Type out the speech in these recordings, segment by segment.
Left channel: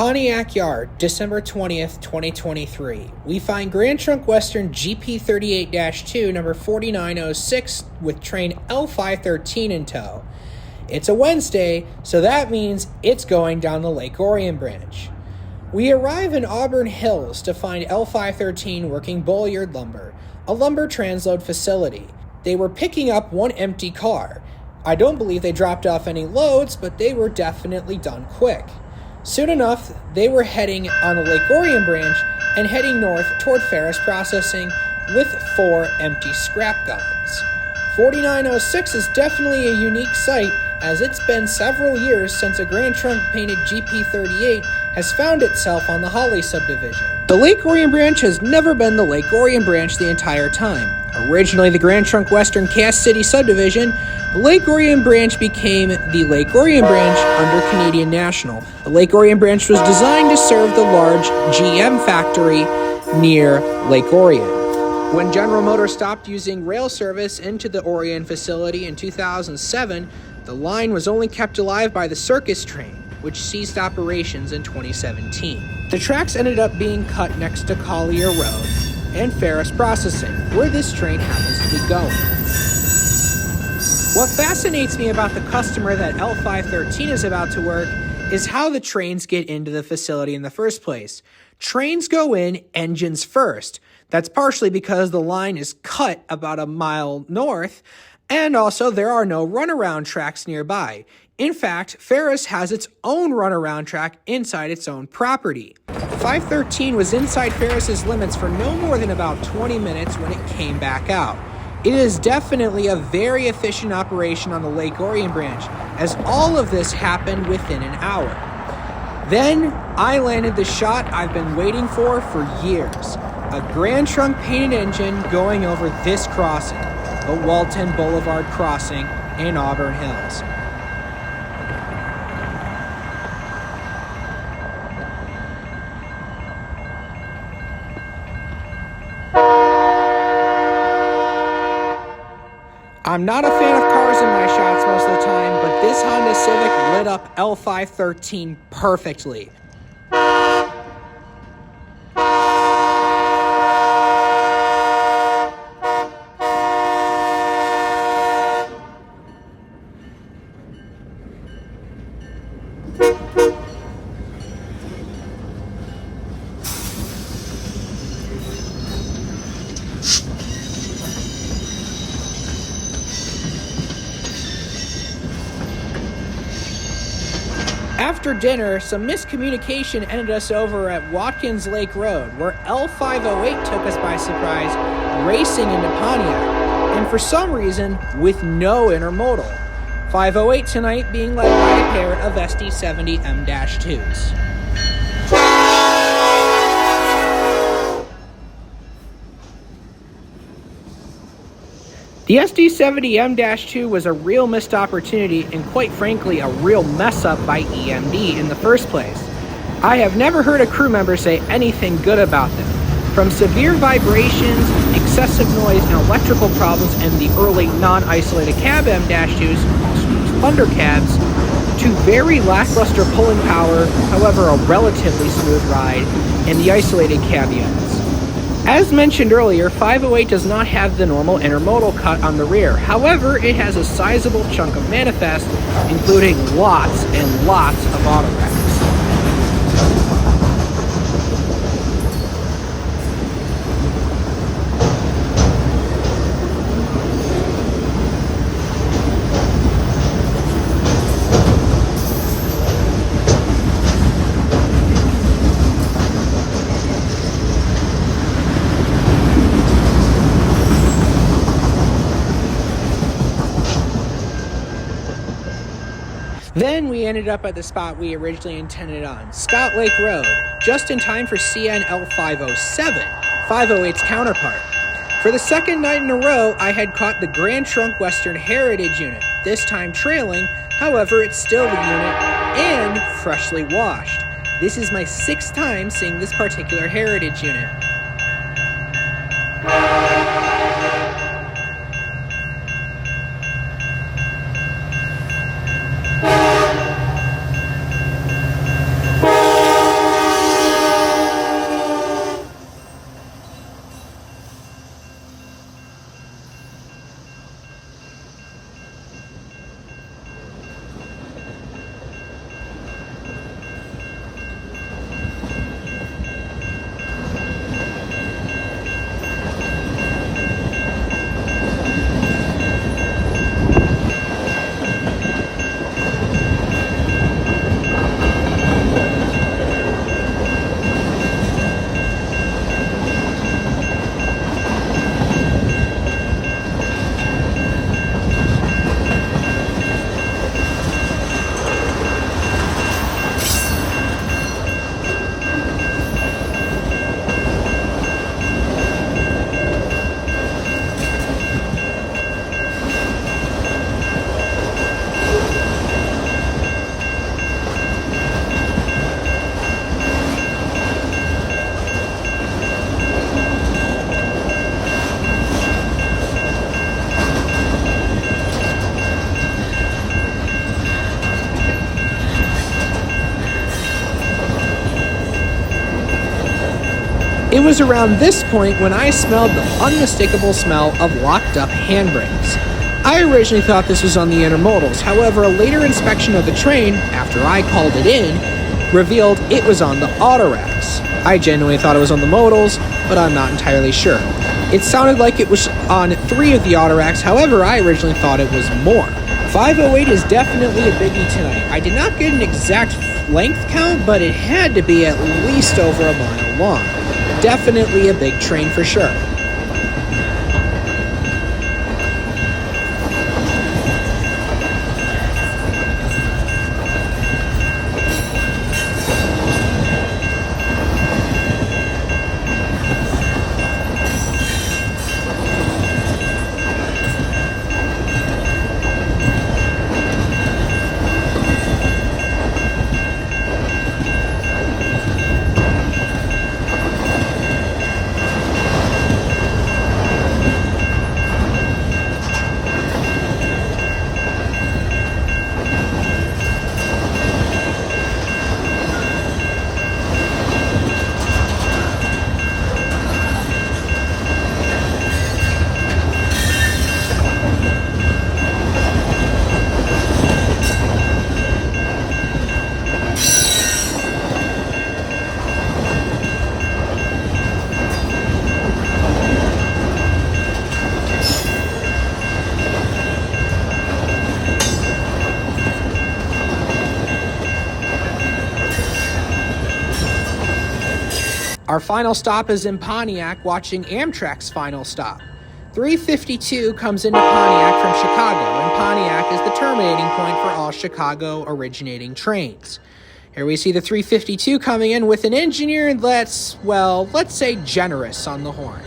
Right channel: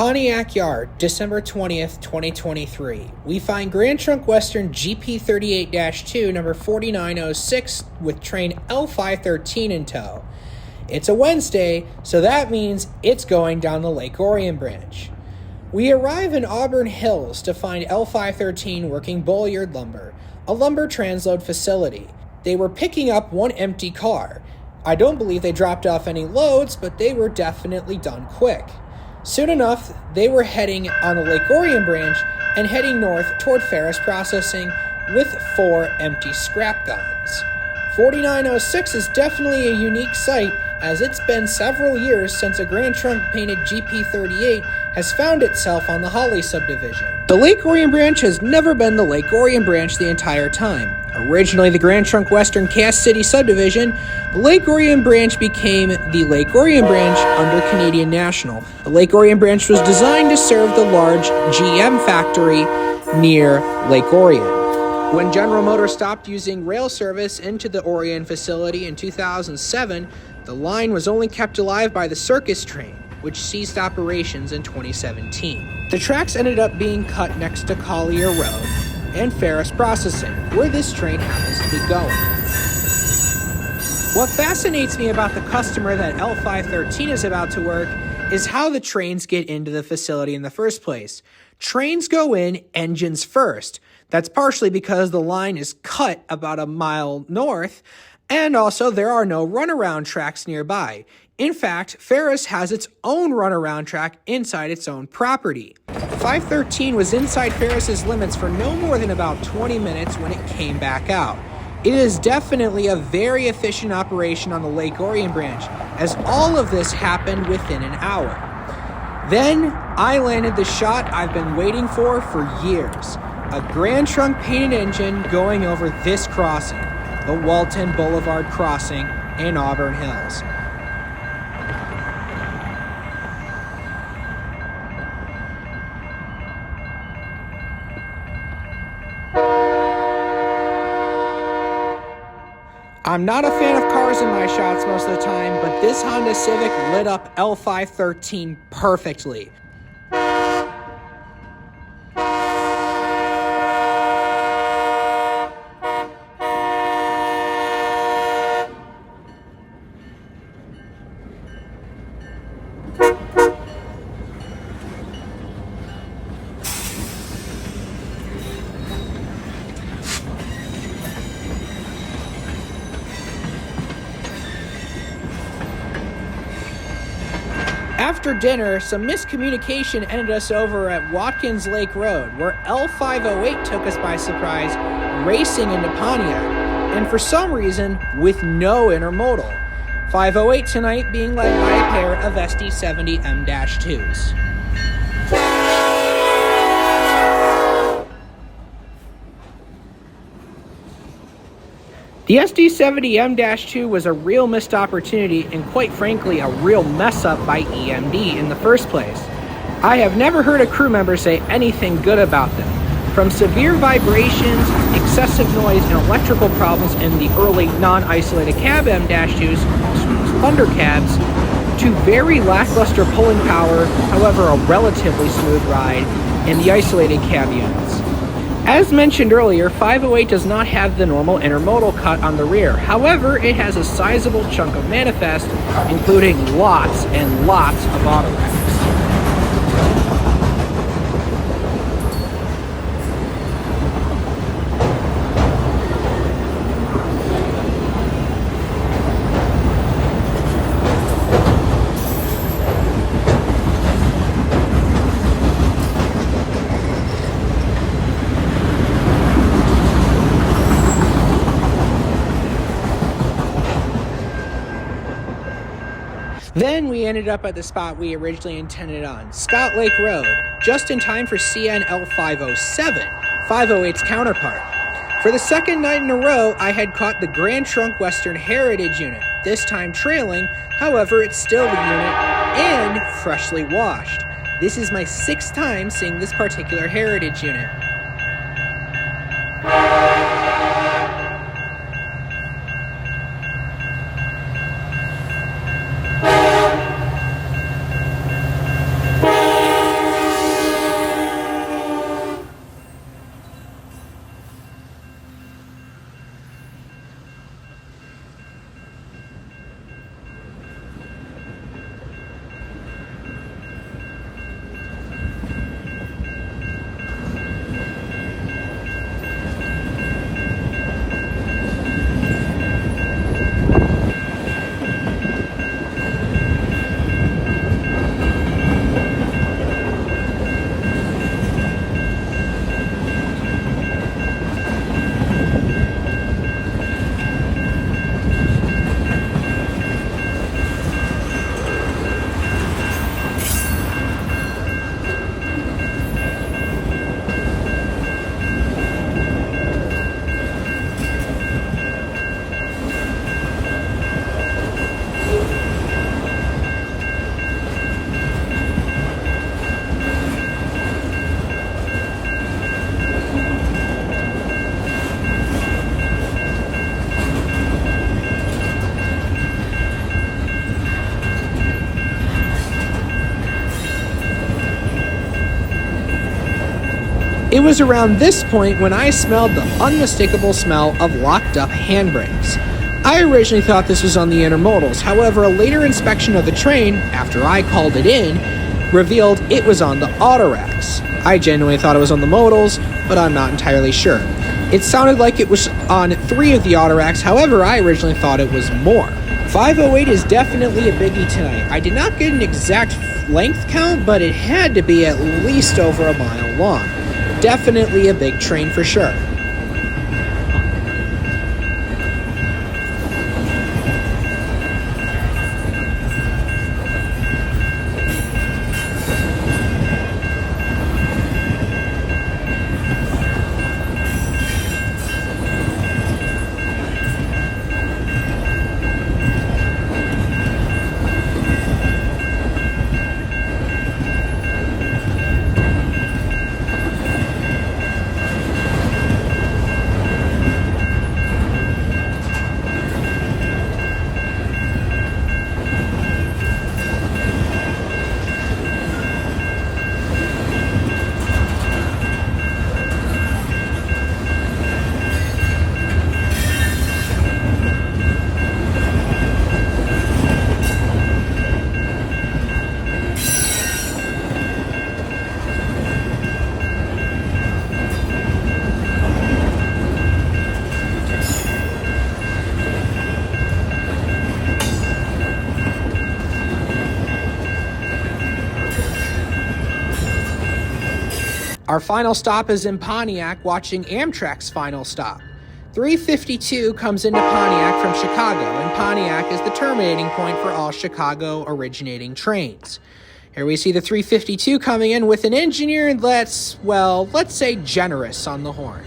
Pontiac Yard, December 20th, 2023. We find Grand Trunk Western GP38-2, number 4906, with train L513 in tow. It's a Wednesday, so that means it's going down the Lake Orion branch. We arrive in Auburn Hills to find L513 working Bulliard Lumber, a lumber transload facility. They were picking up one empty car. I don't believe they dropped off any loads, but they were definitely done quick. Soon enough, they were heading on the Lake Orion branch and heading north toward Ferris Processing with 4 empty scrap guns. 4906 is definitely a unique site, as it's been several years since a Grand Trunk painted GP38 has found itself on the Holly subdivision. The Lake Orion branch has never been the Lake Orion branch the entire time. Originally the Grand Trunk Western Cass City subdivision, the Lake Orion branch became the Lake Orion branch under Canadian National. The Lake Orion branch was designed to serve the large GM factory near Lake Orion. When General Motors stopped using rail service into the Orion facility in 2007, the line was only kept alive by the circus train, which ceased operations in 2017. The tracks ended up being cut next to Collier Road and Ferris Processing, where this train happens to be going. What fascinates me about the customer that L513 is about to work is how the trains get into the facility in the first place. Trains go in engines first. That's partially because the line is cut about a mile north, and also there are no runaround tracks nearby. In fact, Ferris has its own runaround track inside its own property. 513 was inside Ferris's limits for no more than about 20 minutes when it came back out. It is definitely a very efficient operation on the Lake Orion branch, as all of this happened within an hour. Then I landed the shot I've been waiting for years. A Grand Trunk painted engine going over this crossing, the Walton Boulevard crossing in Auburn Hills. I'm not a fan of cars in my shots most of the time, but this Honda Civic lit up L513 perfectly. After dinner, some miscommunication ended us over at Watkins Lake Road, where L508 took us by surprise, racing into Pontiac, and for some reason, with no intermodal. 508 tonight being led by a pair of SD70 M-2s. The SD70 M-2 was a real missed opportunity and quite frankly a real mess up by EMD in the first place. I have never heard a crew member say anything good about them. From severe vibrations, excessive noise, and electrical problems in the early non-isolated cab M-2s, also known as Thunder cabs, to very lackluster pulling power, however a relatively smooth ride in the isolated cab units. As mentioned earlier, 508 does not have the normal intermodal cut on the rear. However, it has a sizable chunk of manifest, including lots and lots of auto racks. Then we ended up at the spot we originally intended on, Scott Lake Road, just in time for CNL507, 508's counterpart. For the second night in a row, I had caught the Grand Trunk Western Heritage unit, this time trailing, however it's still the unit, and freshly washed. This is my 6th time seeing this particular Heritage unit. It was around this point when I smelled the unmistakable smell of locked up handbrakes. I originally thought this was on the intermodals, however, a later inspection of the train, after I called it in, revealed it was on the autoracks. I genuinely thought it was on the modals, but I'm not entirely sure. It sounded like it was on 3 of the autoracks, however, I originally thought it was more. 508 is definitely a biggie tonight. I did not get an exact length count, but it had to be at least over a mile long. Definitely a big train for sure. Our final stop is in Pontiac, watching Amtrak's final stop. 352 comes into Pontiac from Chicago, and Pontiac is the terminating point for all Chicago originating trains. Here we see the 352 coming in with an engineer that's, well, let's say generous on the horn.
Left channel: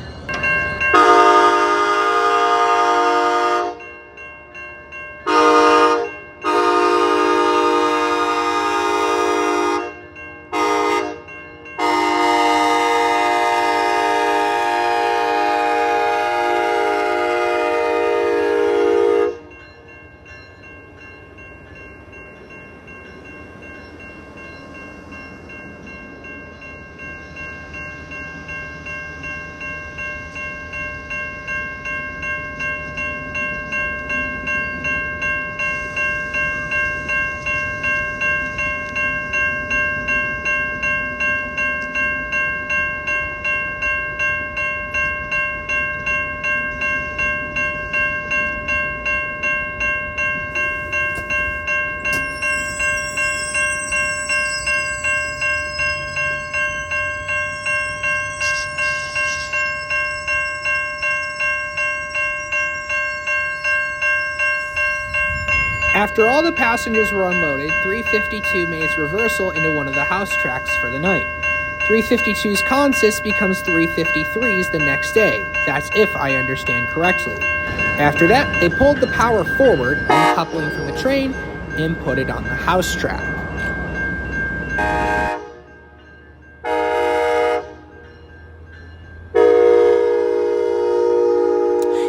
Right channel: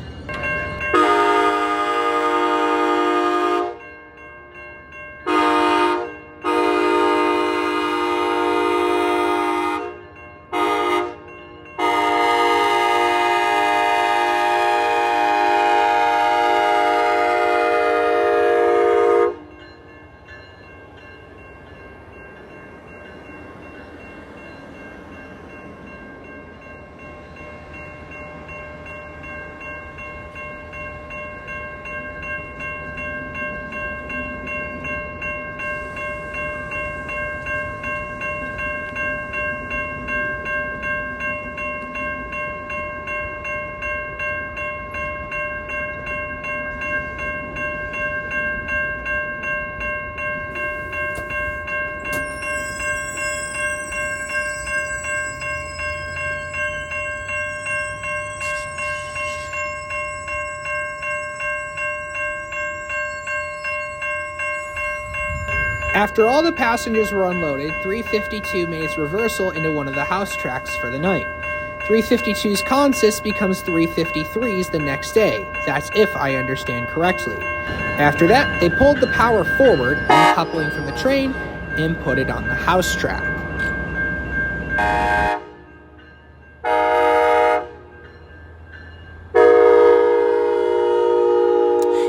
After all the passengers were unloaded, 352 made its reversal into one of the house tracks for the night. 352's consist becomes 353's the next day. That's if I understand correctly. After that, they pulled the power forward, uncoupling from the train, and put it on the house track.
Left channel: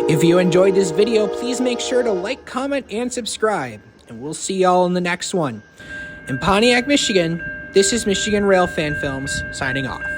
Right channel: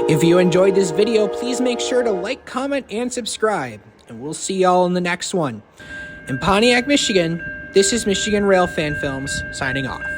If you enjoyed this video, please make sure to like, comment, and subscribe. And we'll see y'all in the next one. In Pontiac, Michigan, this is Michigan Rail Fan Films, signing off.